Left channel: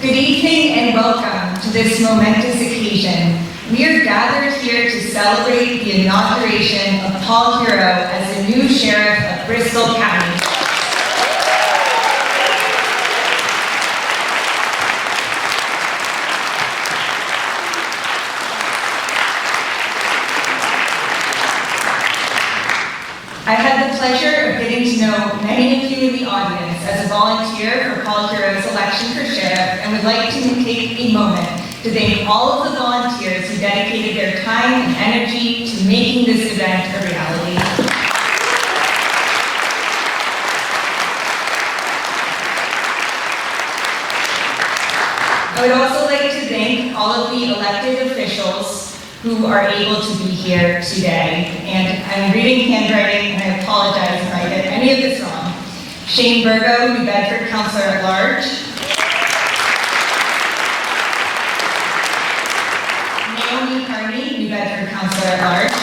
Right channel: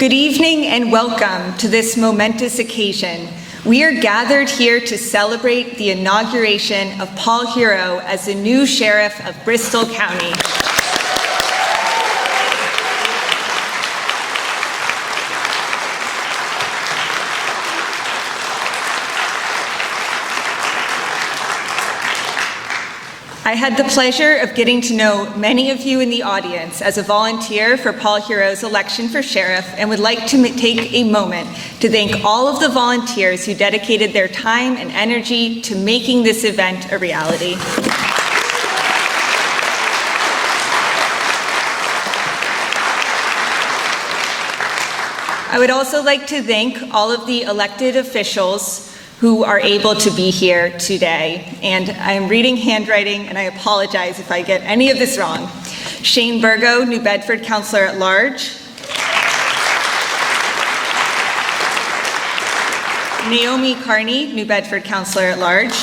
Good evening and welcome to this momentous occasion. We are gathered here to celebrate the inauguration of Paul Heroux as the new Sheriff of Bristol County. I had the pleasure of getting to know many of you in the audience as a volunteer for Paul Heroux's election for sheriff, and would like to take a moment to thank all of the volunteers who dedicated their time and energy to making this event a reality. I would also like to thank all of the elected officials who are able to be here today. And I'm reading handwriting, and I apologize if I get any of this wrong. Shane Burgo, New Bedford Counselor at Large. Naomi Carney, New Bedford Counselor at Large.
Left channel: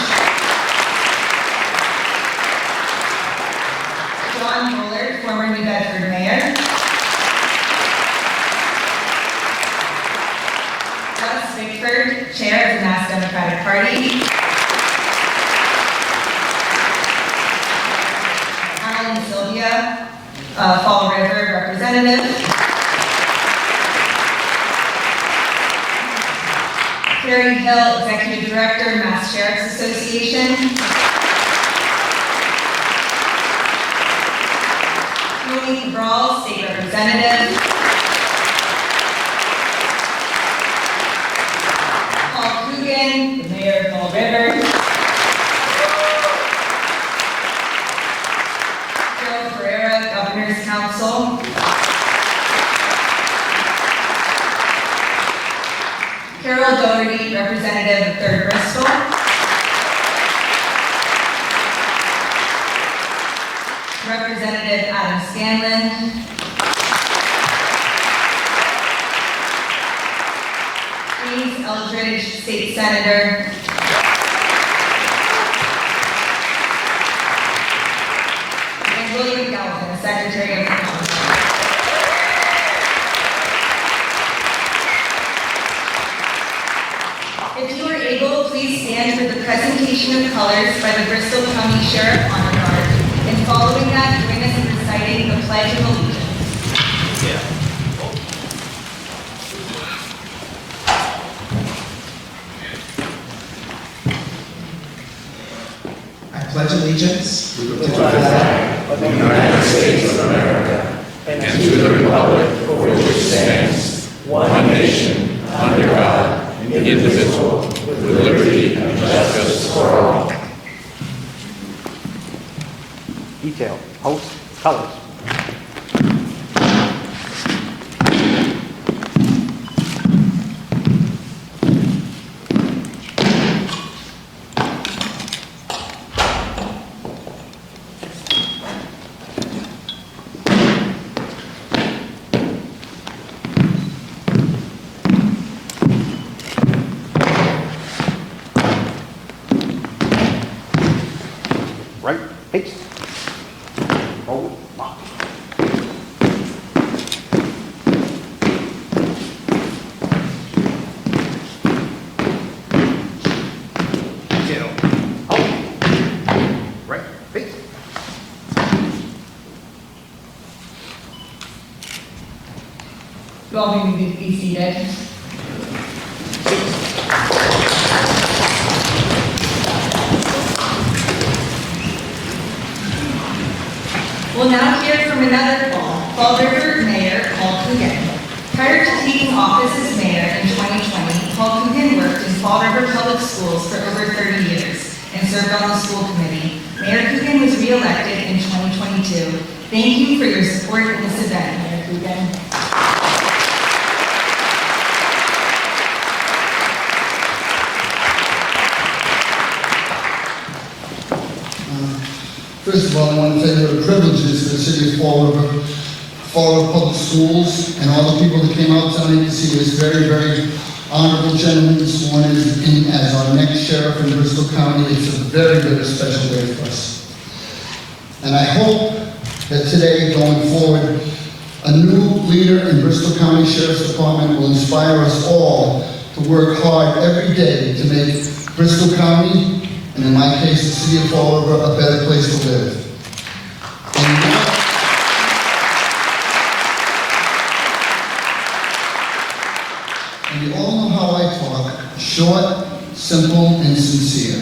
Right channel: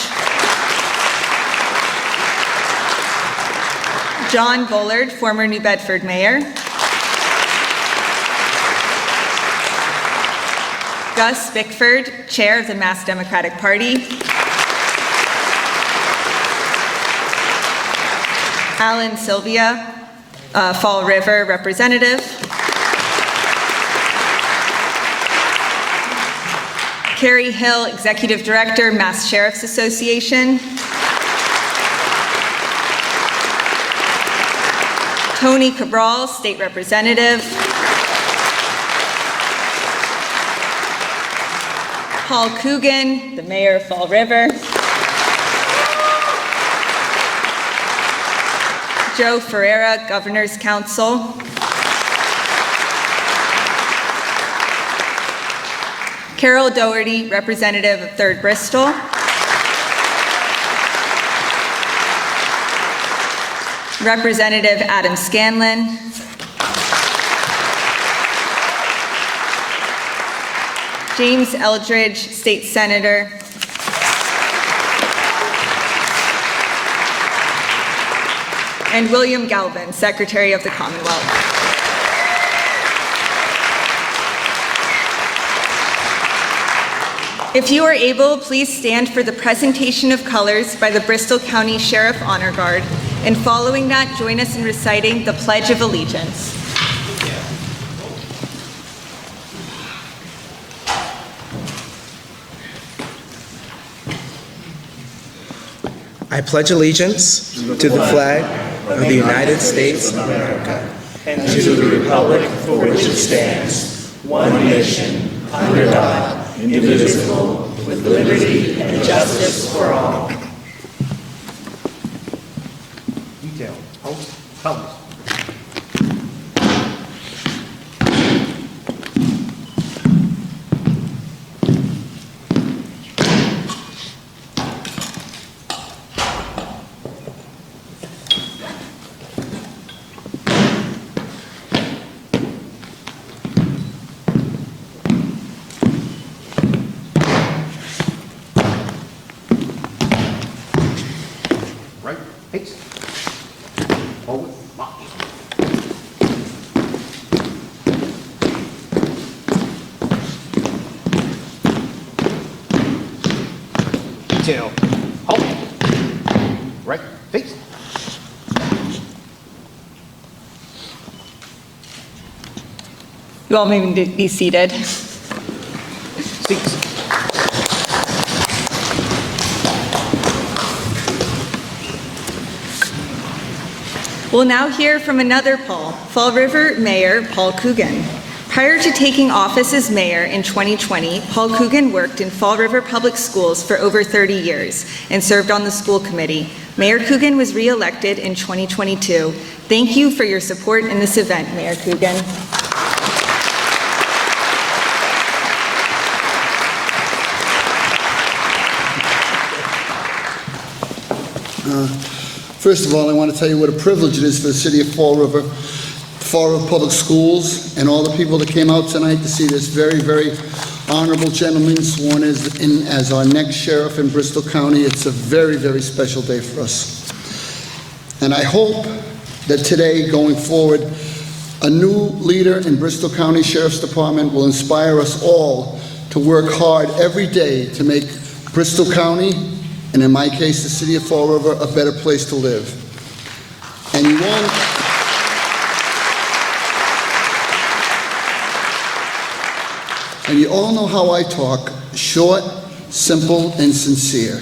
John Bullard, former New Bedford Mayor. Gus Bickford, Chair of the Mass Democratic Party. Alan Sylvia, Fall River Representative. Carrie Hill, Executive Director, Mass Sheriff's Association. Tony Cabral, State Representative. Paul Coogan, the Mayor of Fall River. Joe Ferreira, Governor's Council. Carol Doherty, Representative of 3rd Bristol. Representative Adam Scanlon. James Eldridge, State Senator. And William Galvin, Secretary of the Commonwealth. If you are able, please stand for the presentation of colors by the Bristol County Sheriff Honor Guard, and following that, join us in reciting the Pledge of Allegiance. I pledge allegiance to the flag of the United States of America and to the republic for which it stands, one nation, under God, indivisible, with liberty and justice for all. Detail, host, colors. Right, face. Forward, march. Tail, hold. Right, face. You all may be seated. Please. We'll now hear from another Paul, Fall River Mayor Paul Coogan. Prior to taking office as mayor in 2020, Paul Coogan worked in Fall River Public Schools for over 30 years and served on the school committee. Mayor Coogan was re-elected in 2022. Thank you for your support in this event, Mayor Coogan. First of all, I want to tell you what a privilege it is for the city of Fall River Public Schools, and all the people that came out tonight to see this very, very honorable gentleman sworn in as our next sheriff in Bristol County. It's a very, very special day for us. And I hope that today, going forward, A new leader in Bristol County Sheriff's Department will inspire us all to work hard every day to make Bristol County, and in my case, the city of Fall River, a better place to live. And you all know how I talk, short, simple, and sincere.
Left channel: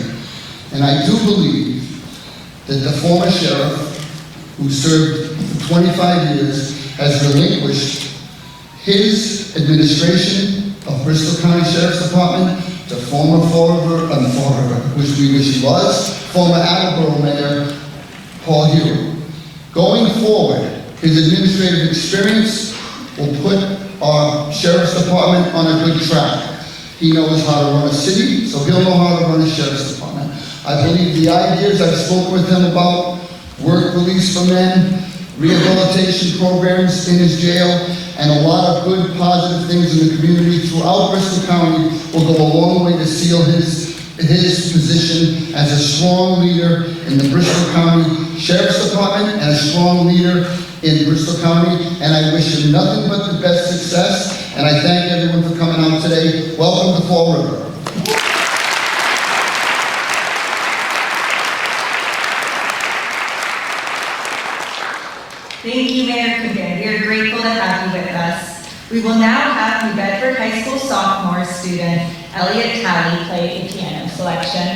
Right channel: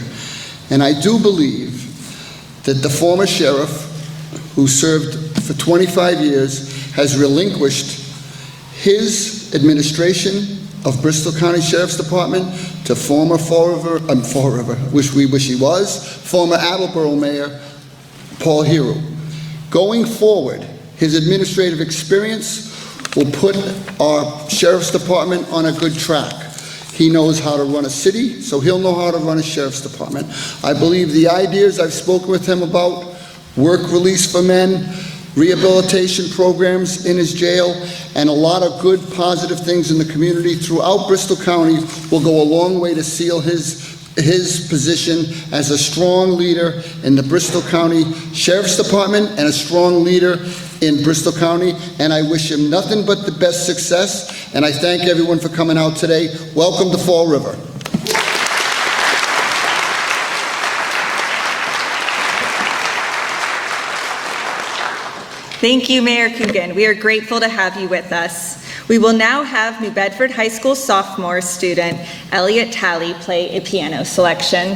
And I do believe that the former sheriff, who served for 25 years, has relinquished his administration of Bristol County Sheriff's Department to former which we wish he was, former Attleboro Mayor, Paul Heroux. Going forward, his administrative experience will put our Sheriff's Department on a good track. He knows how to run a city, so he'll know how to run a Sheriff's Department. I believe the ideas I've spoken with him about, work release for men, rehabilitation programs in his jail, and a lot of good, positive things in the community throughout Bristol County will go a long way to seal his position as a strong leader in the Bristol County Sheriff's Department and a strong leader in Bristol County, and I wish him nothing but the best success, and I thank everyone for coming out today. Welcome to Fall River. Thank you, Mayor Coogan. We are grateful to have you with us. We will now have New Bedford High School sophomore student Elliot Talley play a piano selection.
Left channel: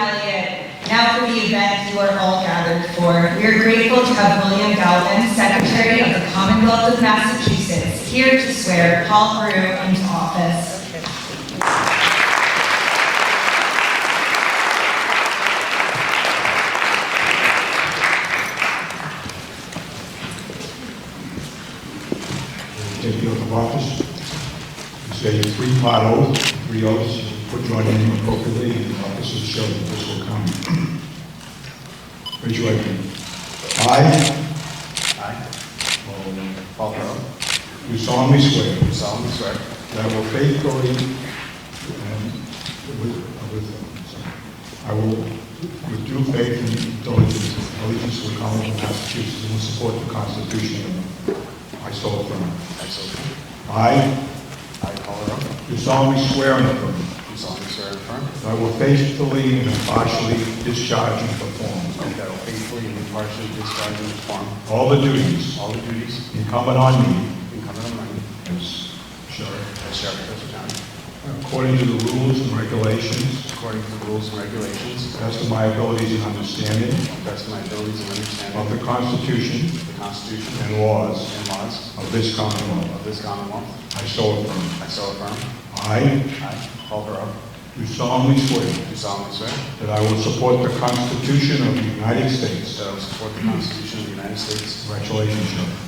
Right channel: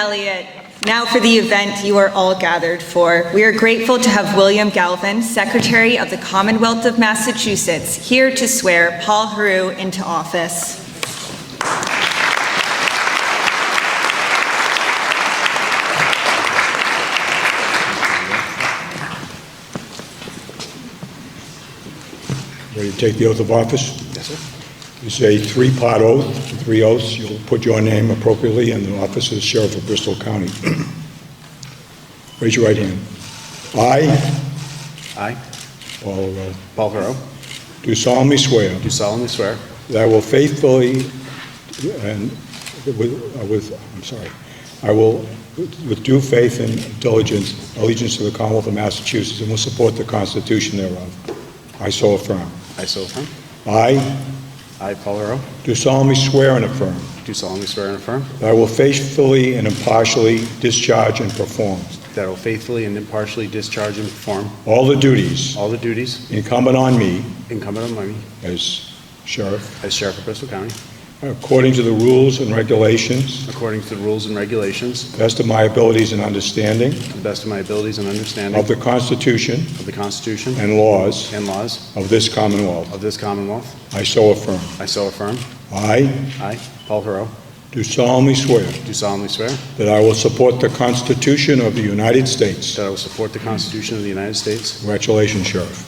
Elliott. Now for the event you are all gathered for. We are grateful to have William Galvin, Secretary of the Commonwealth of Massachusetts, here to swear Paul Heroux into office. Ready to take the oath of office? Yes, sir. It's a three-part oath, three oaths. You'll put your name appropriately in the office of the Sheriff of Bristol County. Raise your right hand. I, Paul Paul Heroux, do solemnly swear do solemnly swear that I will faithfully and I will, with due faith and diligence, allegiance to the Commonwealth of Massachusetts, and will support the Constitution thereof. I so affirm. I so affirm. I I, Paul Heroux, do solemnly swear and affirm do solemnly swear and affirm that I will faithfully and impartially discharge and perform that I will faithfully and impartially discharge and perform all the duties all the duties incumbent on me incumbent on me as Sheriff, as Sheriff of Bristol County, according to the rules and regulations, according to the rules and regulations, best of my abilities and understanding to the best of my abilities and understanding of the Constitution of the Constitution and laws and laws of this Commonwealth. of this Commonwealth. I so affirm. I so affirm. I Paul Heroux, do solemnly swear do solemnly swear that I will support the Constitution of the United States. that I will support the Constitution of the United States. Congratulations, Sheriff.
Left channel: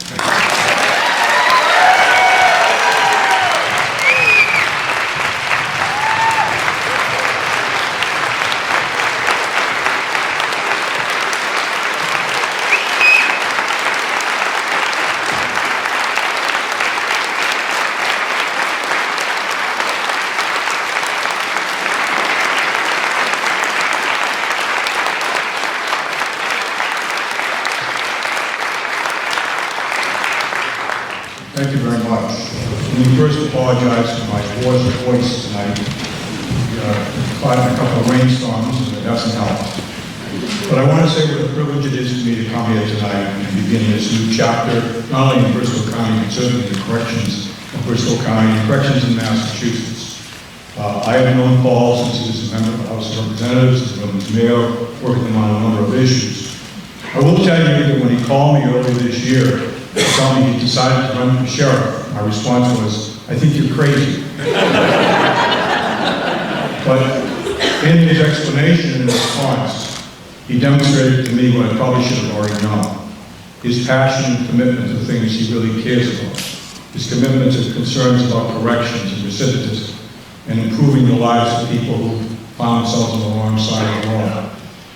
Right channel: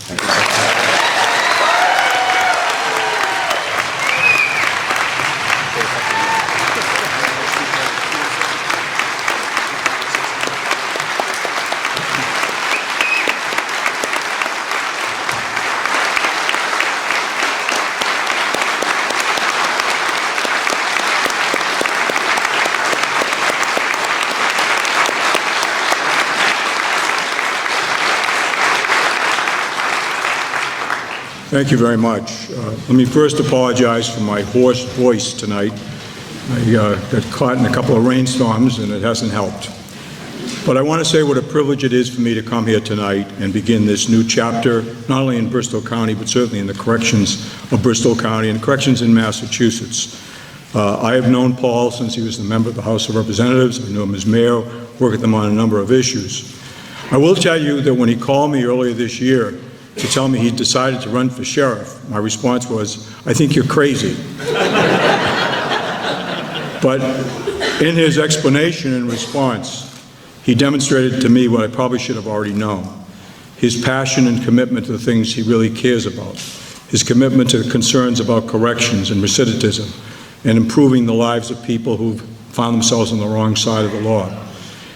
Thank you very much. Let me first apologize for my hoarse voice tonight. I got caught in a couple of rainstorms and it hasn't helped. But I want to say what a privilege it is for me to come here tonight and begin this new chapter, not only in Bristol County, but certainly in the corrections of Bristol County and corrections in Massachusetts. I have known Paul since he was a member of the House of Representatives. I've known him as mayor, worked with him on a number of issues. I will tell you that when he called me earlier this year, to tell me he decided to run for sheriff, my response was, I think you're crazy. But in his explanation and response, he demonstrated to me what I probably should have already known. His passion and commitment to the things he really cares about. His commitment to concerns about corrections and recidivism and improving the lives of people who found themselves on the wrong side of the law.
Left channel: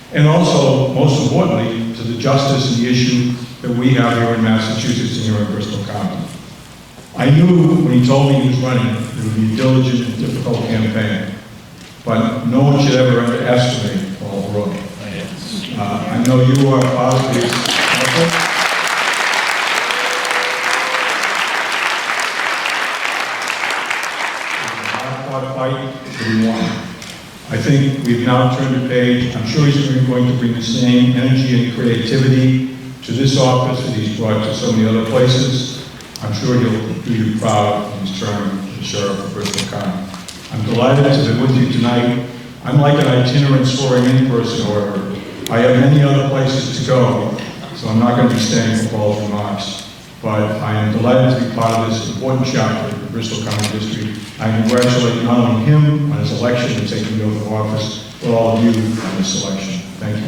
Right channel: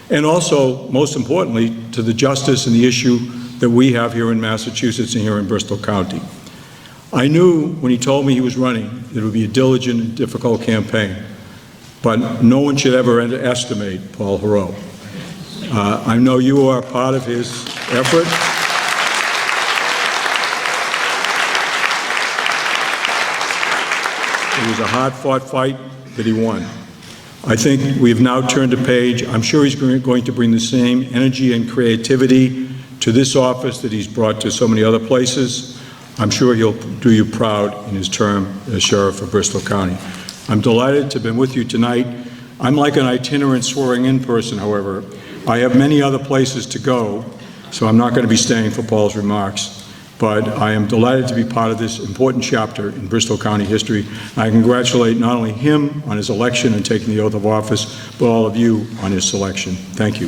And also, most importantly, to the justice and the issue that we have here in Massachusetts and here in Bristol County. I knew when he told me he was running that it would be a diligent and difficult campaign, but no one should ever underestimate Paul Heroux. I know you are part of his effort. It was a hard-fought fight that he won. I think we've now turned a page. I'm sure he's going to bring the same energy and creativity to this office that he's brought to so many other places. I'm sure he'll do you proud in his term as Sheriff of Bristol County. I'm delighted to be with you tonight. I'm like an itinerant swearing-in person, however. I have many other places to go, so I'm not going to be staying for Paul's remarks. But I am delighted to be part of this important chapter in Bristol County history. I congratulate not only him on his election and taking the oath of office, but all of you on his selection. Thank you.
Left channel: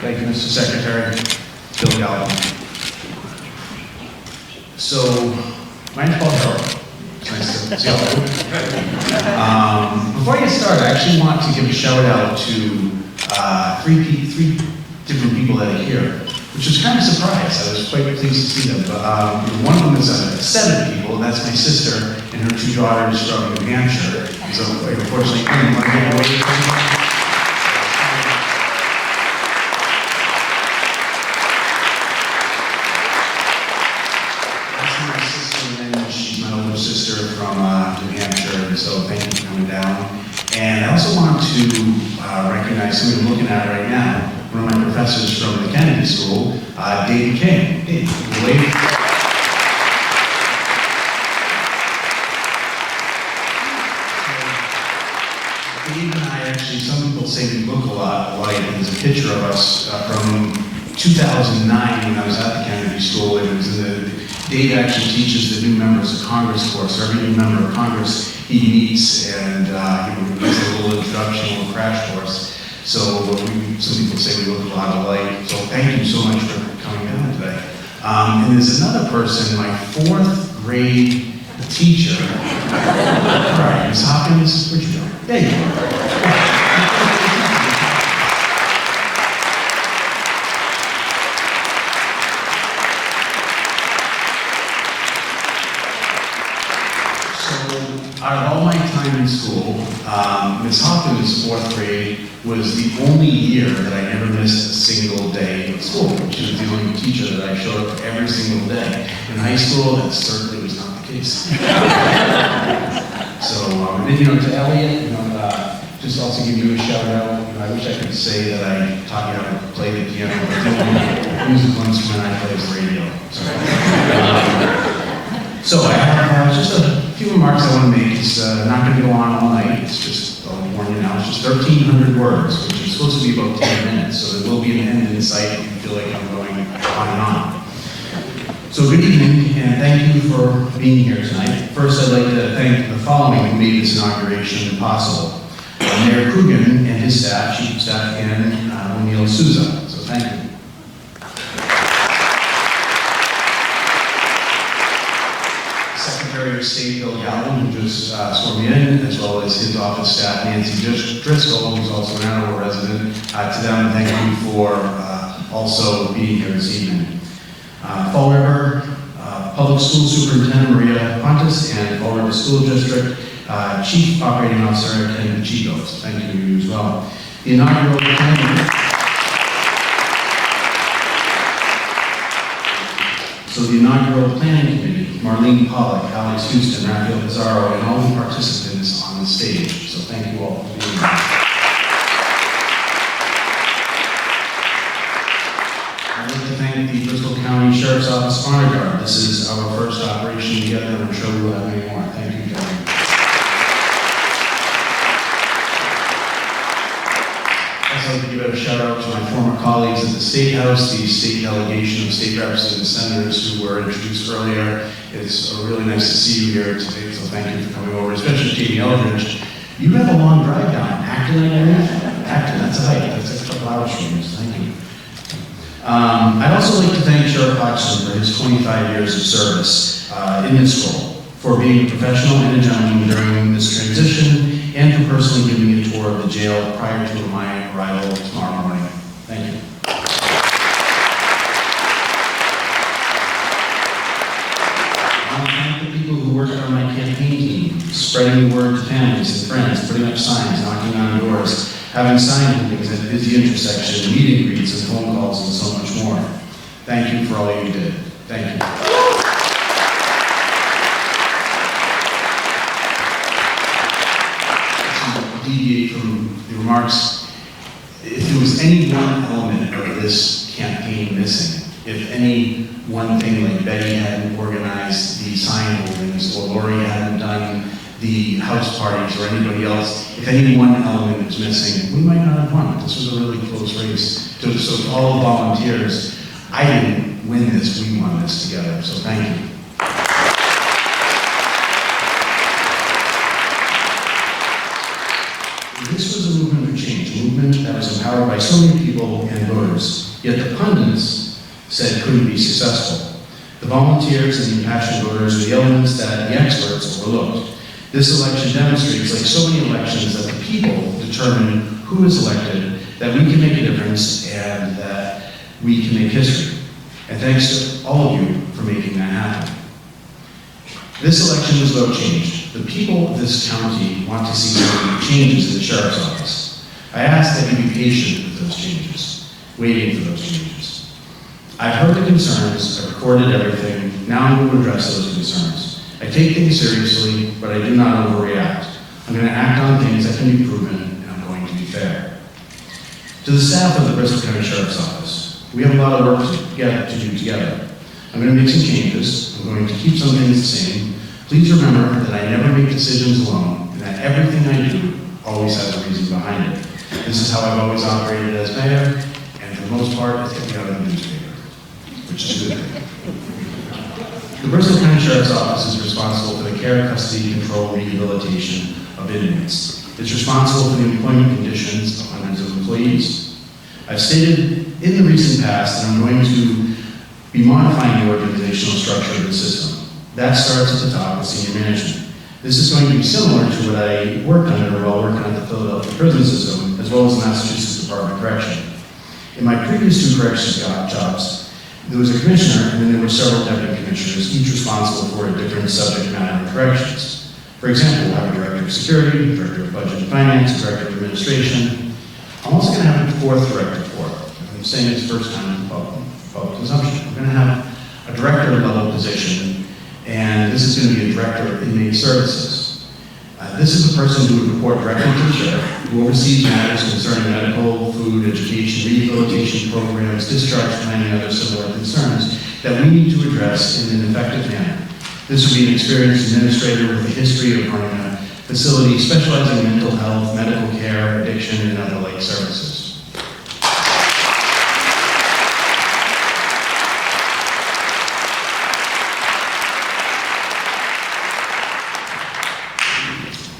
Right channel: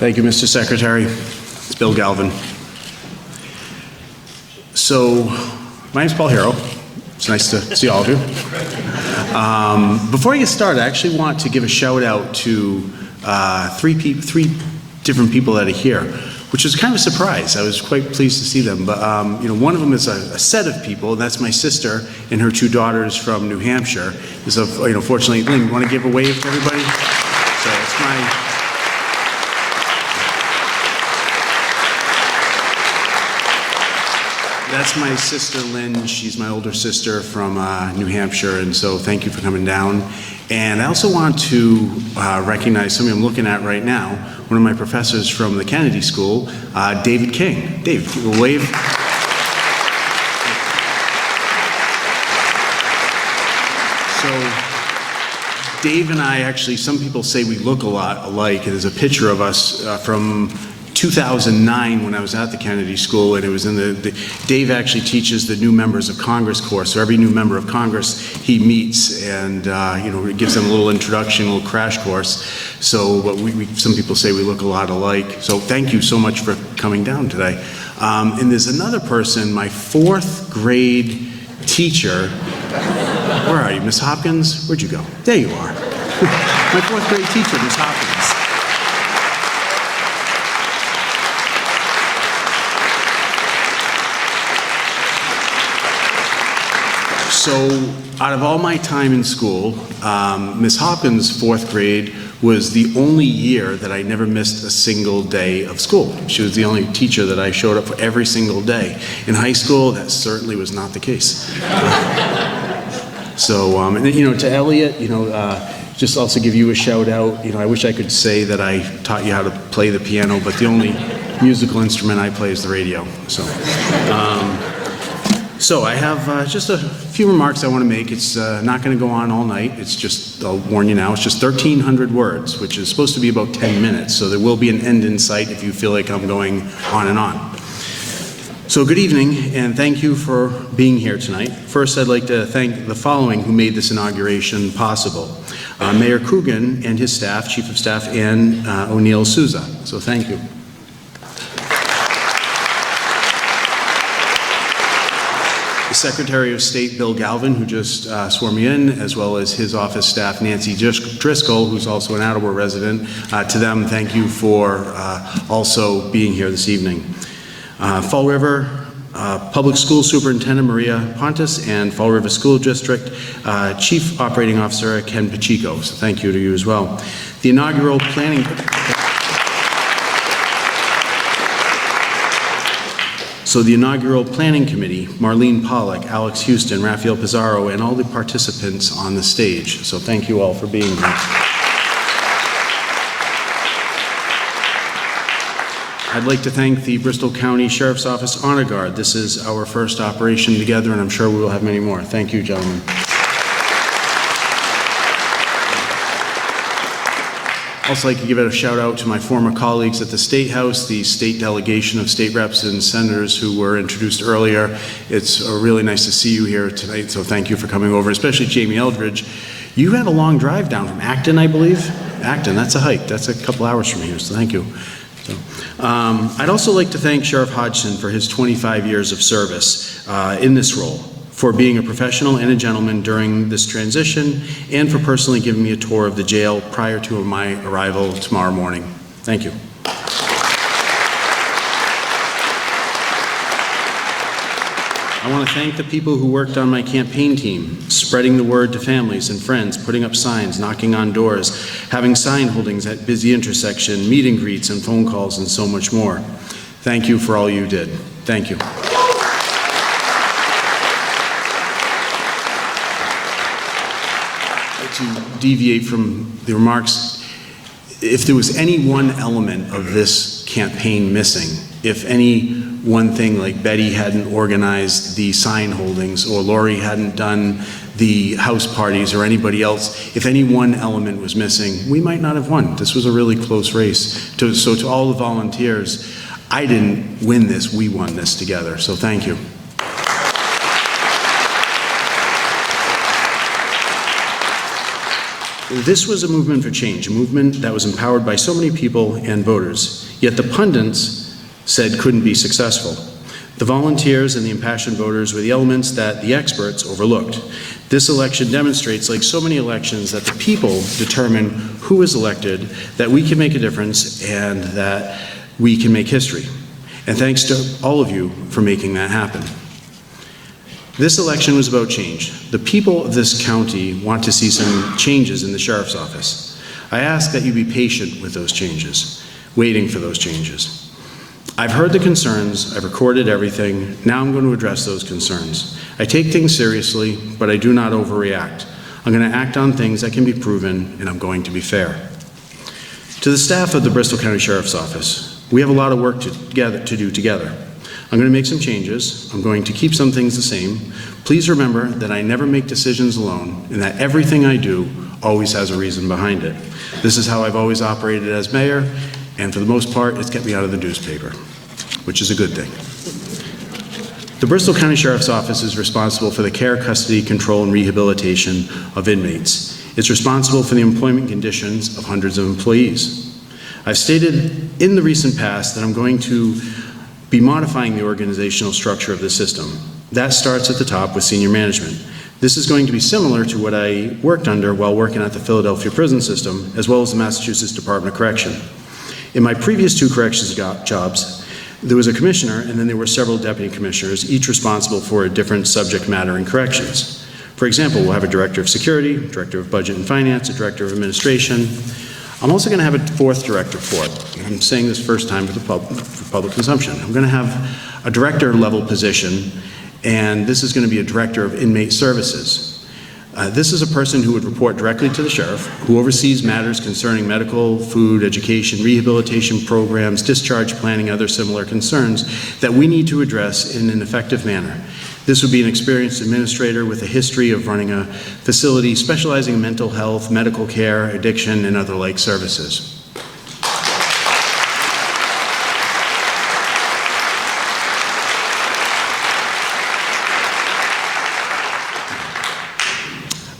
Thank you, Mr. Secretary. It's Bill Galvin. So, my name's Paul Heroux. It's nice to see all of you. Before I get started, I actually want to give a shout out to three different people that are here, which was kind of a surprise. I was quite pleased to see them. But one of them is a set of people, and that's my sister and her two daughters from New Hampshire. So, fortunately, I want to give a wave to everybody. So it's my That's that's my sister Lynn. She's my older sister from New Hampshire, and so thank you for coming down. And I also want to recognize somebody I'm looking at right now, one of my professors from the Kennedy School, David King. Dave, we'll wave. So, Dave and I actually, some people say we look a lot alike, and there's a picture of us from 2009 when I was at the Kennedy School, and it was in Dave actually teaches the new members of Congress course, so every new member of Congress he meets, and he gives them a little introduction, a little crash course. So, but some people say we look a lot alike. So thank you so much for coming down today. And there's another person, my 4th grade teacher. Where are you, Miss Hopkins? Where'd you go? There you are. My 4th grade teacher, Miss Hopkins. So, out of all my time in school, Miss Hopkins' 4th grade was the only year that I never missed a single day of school. She was the only teacher that I showed up for every single day. In high school, that certainly was not the case. So, and then, to Elliot, just also give you a shout out. I wish I could say that I taught you how to play the piano, but the only musical instrument I play is the radio. So I have just a few remarks I want to make. It's not going to go on all night. It's just, I'll warn you now, it's just 1,300 words, which is supposed to be about 10 minutes. So there will be an end in sight if you feel like I'm going on and on. So good evening, and thank you for being here tonight. First, I'd like to thank the following who made this inauguration possible. Mayor Coogan and his staff, Chief of Staff Ann O'Neill Souza. So thank you. Secretary of State Bill Galvin, who just swore me in, as well as his office staff, Nancy Driscoll, who's also an Attleboro resident. To them, thank you for also being here this evening. Fall River Public School Superintendent Maria Pontus and Fall River School District Chief Operating Officer Ken Pacheco. So thank you to you as well. The inaugural planning. So the inaugural planning committee, Marlene Pollack, Alex Houston, Raphael Pizarro, and all the participants on the stage. So thank you all for being here. I'd like to thank the Bristol County Sheriff's Office Honor Guard. This is our first operation together, and I'm sure we will have many more. Thank you, gentlemen. I'd also like to give a shout out to my former colleagues at the State House, the state delegation of state reps and senators who were introduced earlier. It's really nice to see you here tonight, so thank you for coming over, especially Jamie Eldridge. You had a long drive down Acton, I believe? Acton, that's a hike. That's a couple hours from here, so thank you. I'd also like to thank Sheriff Hodgson for his 25 years of service in this role, for being a professional and a gentleman during this transition, and for personally giving me a tour of the jail prior to my arrival tomorrow morning. Thank you. I want to thank the people who worked on my campaign team, spreading the word to families and friends, putting up signs, knocking on doors, having sign holdings at busy intersection, meet and greets, and phone calls, and so much more. Thank you for all you did. Thank you. To deviate from the remarks, if there was any one element of this campaign missing, if any one thing, like Betty hadn't organized the sign holdings, or Lori hadn't done the house parties, or anybody else, if any one element was missing, we might not have won. This was a really close race. So to all the volunteers, I didn't win this, we won this together, so thank you. This was a movement for change, a movement that was empowered by so many people and voters, yet the pundits said couldn't be successful. The volunteers and the impassioned voters were the elements that the experts overlooked. This election demonstrates, like so many elections, that the people determine who is elected, that we can make a difference, and that we can make history. And thanks to all of you for making that happen. This election was about change. The people of this county want to see some changes in the Sheriff's Office. I ask that you be patient with those changes, waiting for those changes. I've heard the concerns, I've recorded everything, now I'm going to address those concerns. I take things seriously, but I do not overreact. I'm going to act on things that can be proven, and I'm going to be fair. To the staff of the Bristol County Sheriff's Office, we have a lot of work to do together. I'm going to make some changes. I'm going to keep some things the same. Please remember that I never make decisions alone, and that everything I do always has a reason behind it. This is how I've always operated as mayor, and for the most part, it's kept me out of the newspaper, which is a good thing. The Bristol County Sheriff's Office is responsible for the care, custody, control, and rehabilitation of inmates. It's responsible for the employment conditions of hundreds of employees. I've stated in the recent past that I'm going to be modifying the organizational structure of the system. That starts at the top with senior management. This is going to be similar to what I worked under while working at the Philadelphia prison system, as well as the Massachusetts Department of Correction. In my previous 2 corrections jobs, there was a commissioner and then there were several deputy commissioners, each responsible for a different subject matter in corrections. For example, we'll have a director of security, director of budget and finance, a director of administration. I'm also going to have a 4th director for it. I'm saying this first time for public consumption. I'm going to have a director level position, and this is going to be a director of inmate services. This is a person who would report directly to the sheriff, who oversees matters concerning medical, food, education, rehabilitation programs, discharge planning, other similar concerns that we need to address in an effective manner. This would be an experienced administrator with a history of running a facility specializing in mental health, medical care, addiction, and other like services.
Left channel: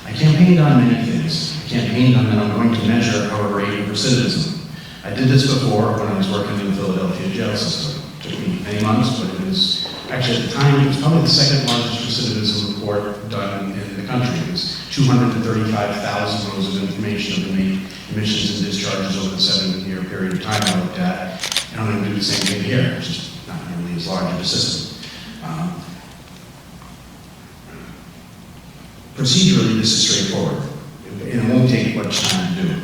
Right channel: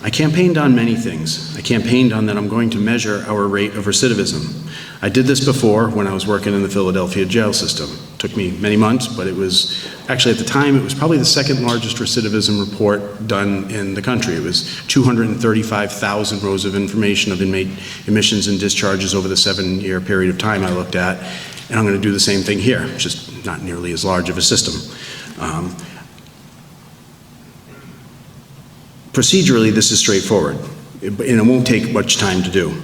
I campaigned on many things. I campaigned on that I'm going to measure our rate of recidivism. I did this before when I was working in the Philadelphia jail system. It took me many months, but it was, actually at the time, it was probably the 2nd largest recidivism report done in the country. It was 235,000 rows of information of inmate admissions and discharges over the 7-year period of time I looked at. And I'm going to do the same thing here, just not nearly as large of a system. Procedurally, this is straightforward, and it won't take much time to do.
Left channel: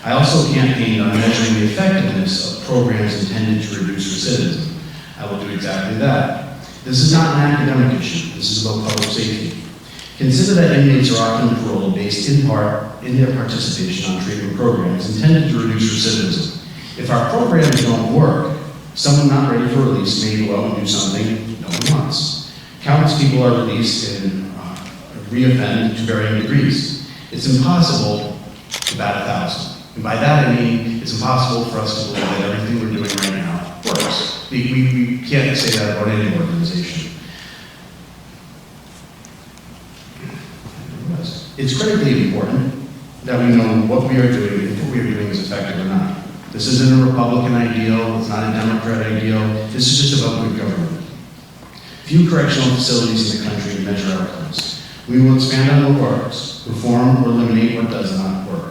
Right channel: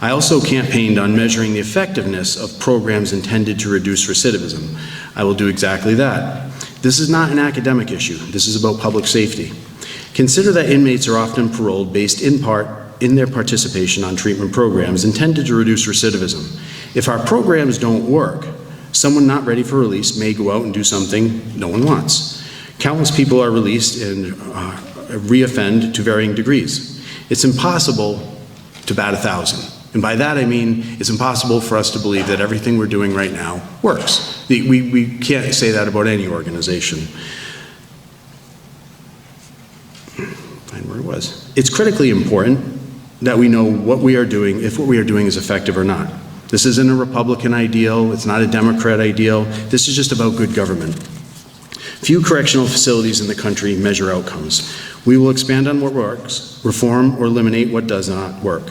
I also campaigned on measuring the effectiveness of programs intended to reduce recidivism. I will do exactly that. This is not an academic issue. This is about public safety. Consider that inmates are often paroled based in part in their participation on treatment programs intended to reduce recidivism. If our programs don't work, someone not ready for release may go out and do something no one wants. Countless people are released and reoffend to varying degrees. It's impossible to bat 1,000. And by that I mean it's impossible for us to believe that everything we're doing right now works. We can't say that about any organization. Find where it was. It's critically important that we know what we are doing, if what we are doing is effective or not. This isn't a Republican ideal, it's not a Democrat ideal, this is just about good government. Few correctional facilities in the country measure outcomes. We will expand on what works, reform or eliminate what does not work.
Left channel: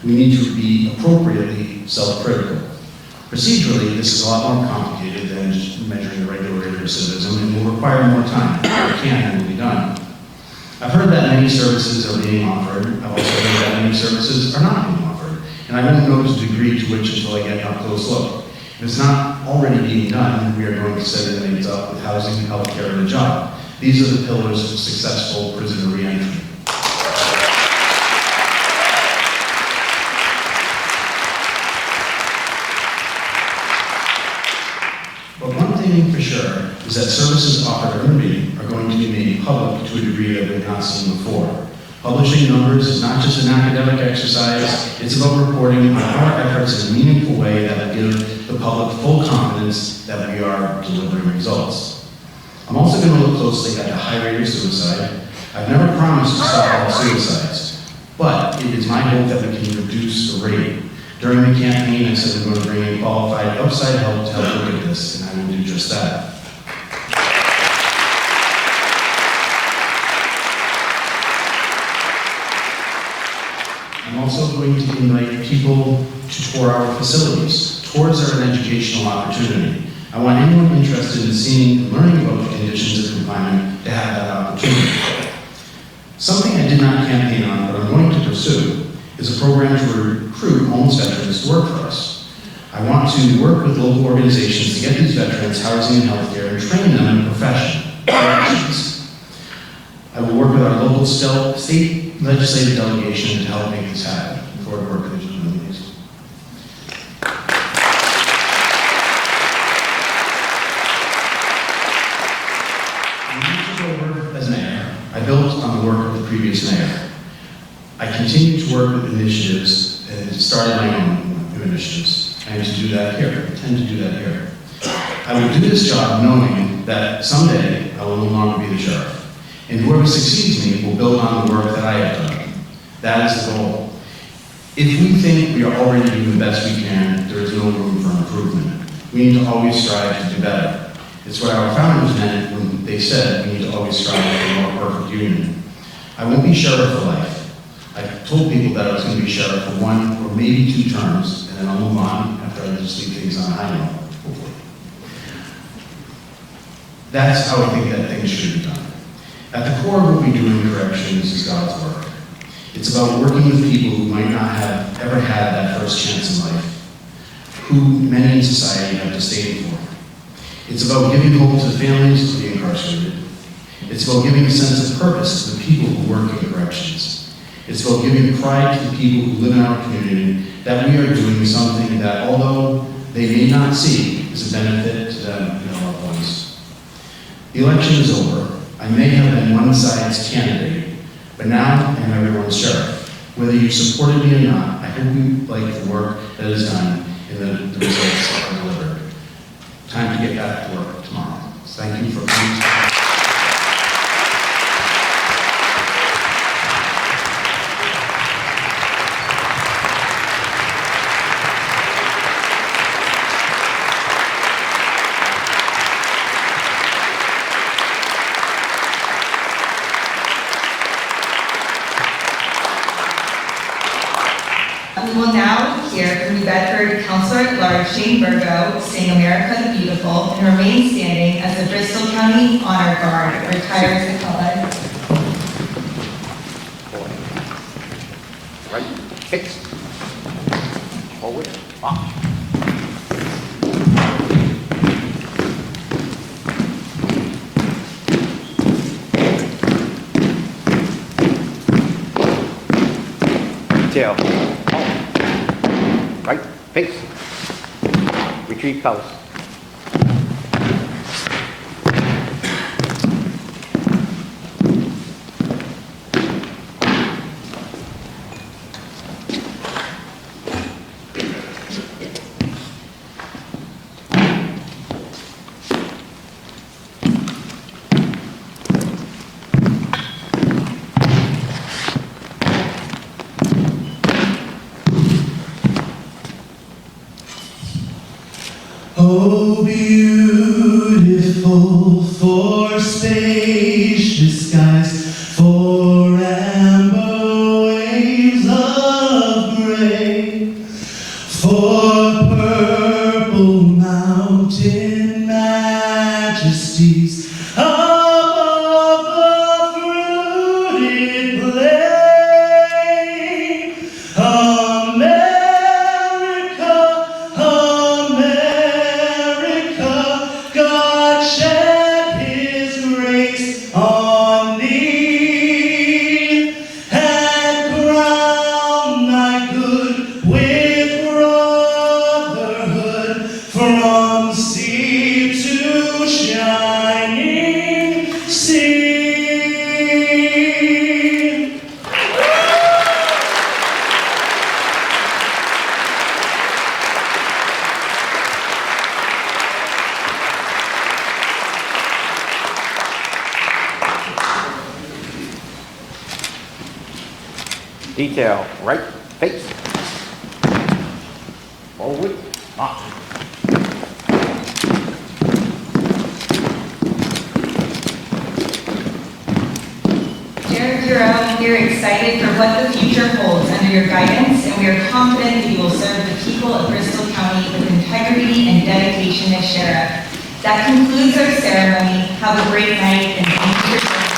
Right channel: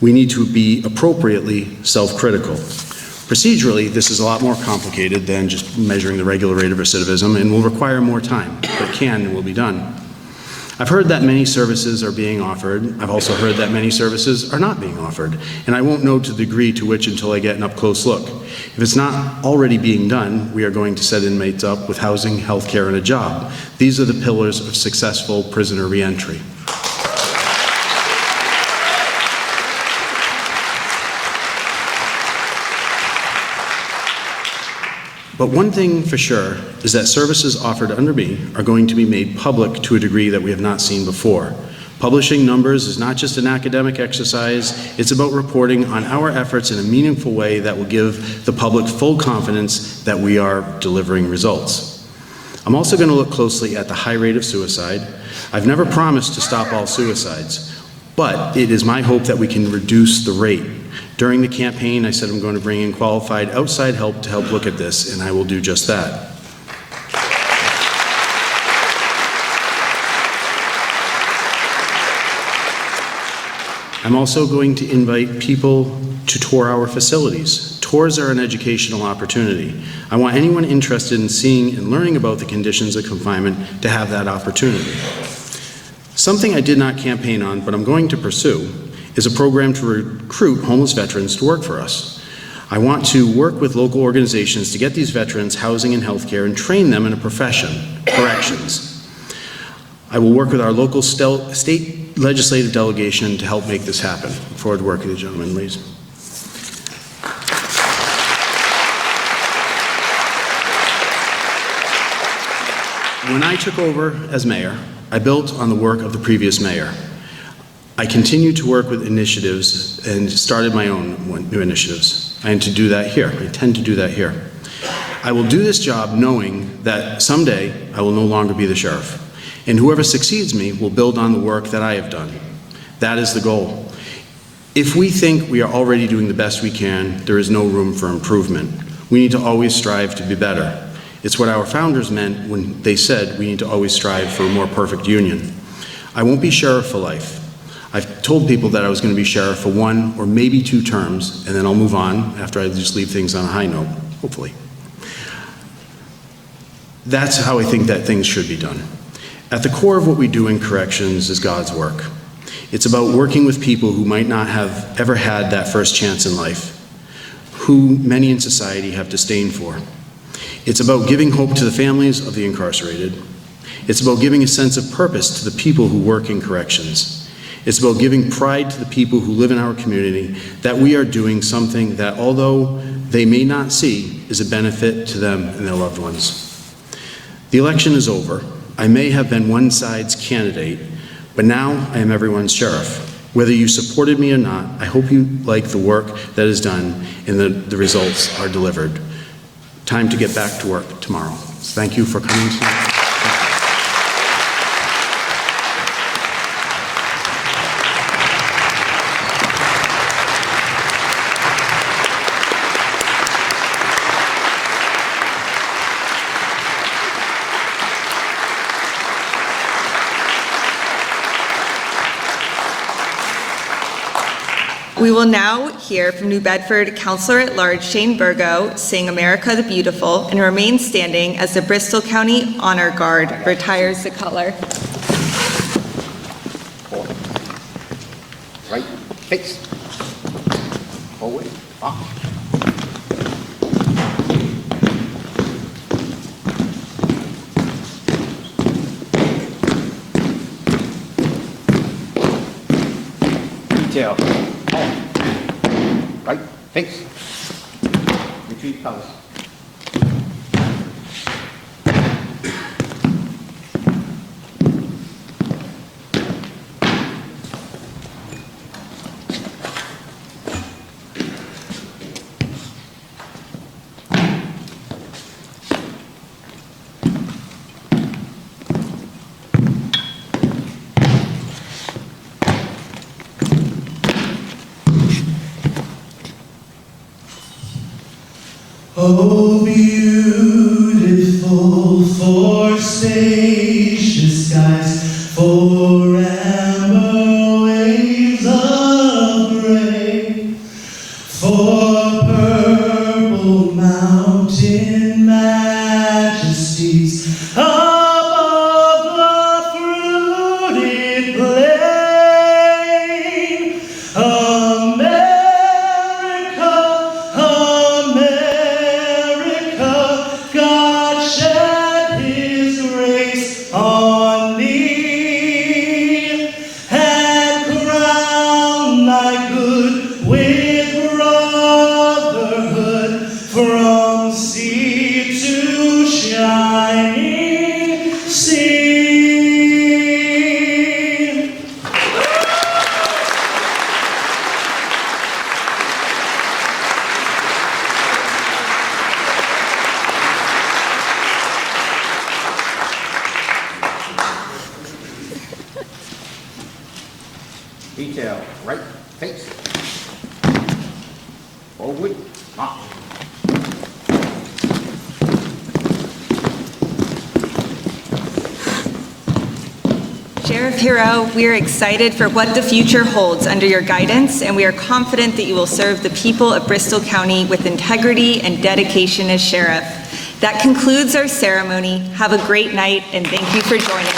We need to be appropriately self-critical. Procedurally, this is a lot more complicated than just measuring the regular rate of recidivism and will require more time. It can and will be done. I've heard that many services are being offered. I've also heard that many services are not being offered, and I won't know the degree to which until I get an up-close look. If it's not already being done, we are going to set inmates up with housing, healthcare, and a job. These are the pillars of successful prisoner reentry. But one thing for sure is that services offered under me are going to be made public to a degree that we have not seen before. Publishing numbers is not just an academic exercise, it's about reporting on our efforts in a meaningful way that will give the public full confidence that we are delivering results. I'm also going to look closely at the high rate of suicide. I've never promised to stop all suicides, but it is my hope that we can reduce the rate. During the campaign, I said I'm going to bring in qualified outside help to help look at this, and I will do just that. I'm also going to invite people to tour our facilities. Tours are an educational opportunity. I want anyone interested in seeing and learning about the conditions of confinement to have that opportunity. Something I did not campaign on, but I'm going to pursue, is a program to recruit homeless veterans to work for us. I want to work with local organizations to get these veterans housing and healthcare and train them in a profession, corrections. I will work with our local state legislative delegation to help make this happen. Look forward to working with the gentleman, please. When I took over as mayor, I built on the work of the previous mayor. I continued to work with initiatives and started my own new initiatives. I intend to do that here. I will do this job knowing that someday I will no longer be the sheriff, and whoever succeeds me will build on the work that I have done. That is the goal. If we think we are already doing the best we can, there is no room for improvement. We need to always strive to be better. It's what our founders meant when they said we need to always strive for a more perfect union. I won't be sheriff for life. I told people that I was going to be sheriff for 1 or maybe 2 terms, and then I'll move on after I just leave things on a high note, hopefully. That's how I think that things should be done. At the core of what we do in corrections is God's work. It's about working with people who might not have ever had that first chance in life, who many in society have disdain for. It's about giving hope to the families of the incarcerated. It's about giving a sense of purpose to the people who work in corrections. It's about giving pride to the people who live in our community that we are doing something that, although they may not see, is a benefit to them and their loved ones. The election is over. I may have been one side's candidate, but now I am everyone's sheriff. Whether you supported me or not, I hope you like the work that is done and the results are delivered. Time to get back to work tomorrow. Thank you for coming. We will now hear from New Bedford Councilor at Large Shane Burgo sing America the Beautiful and remain standing as the Bristol County Honor Guard retires the color. Right, fix. Forward, up. Detail. Right, fix. Retreat colors. Oh, beautiful for spacious skies, for amber waves of gray, for purple mountain majesties above the fruited plain. God shed His grace on thee, and crown thy good with brotherhood, from sea to shining sea. Detail, right, face. Forward, up. Sheriff Heroux, we are excited for what the future holds under your guidance, and we are confident that you will serve the people of Bristol County with integrity and dedication as sheriff. That concludes our ceremony. Have a great night, and thank you for joining us.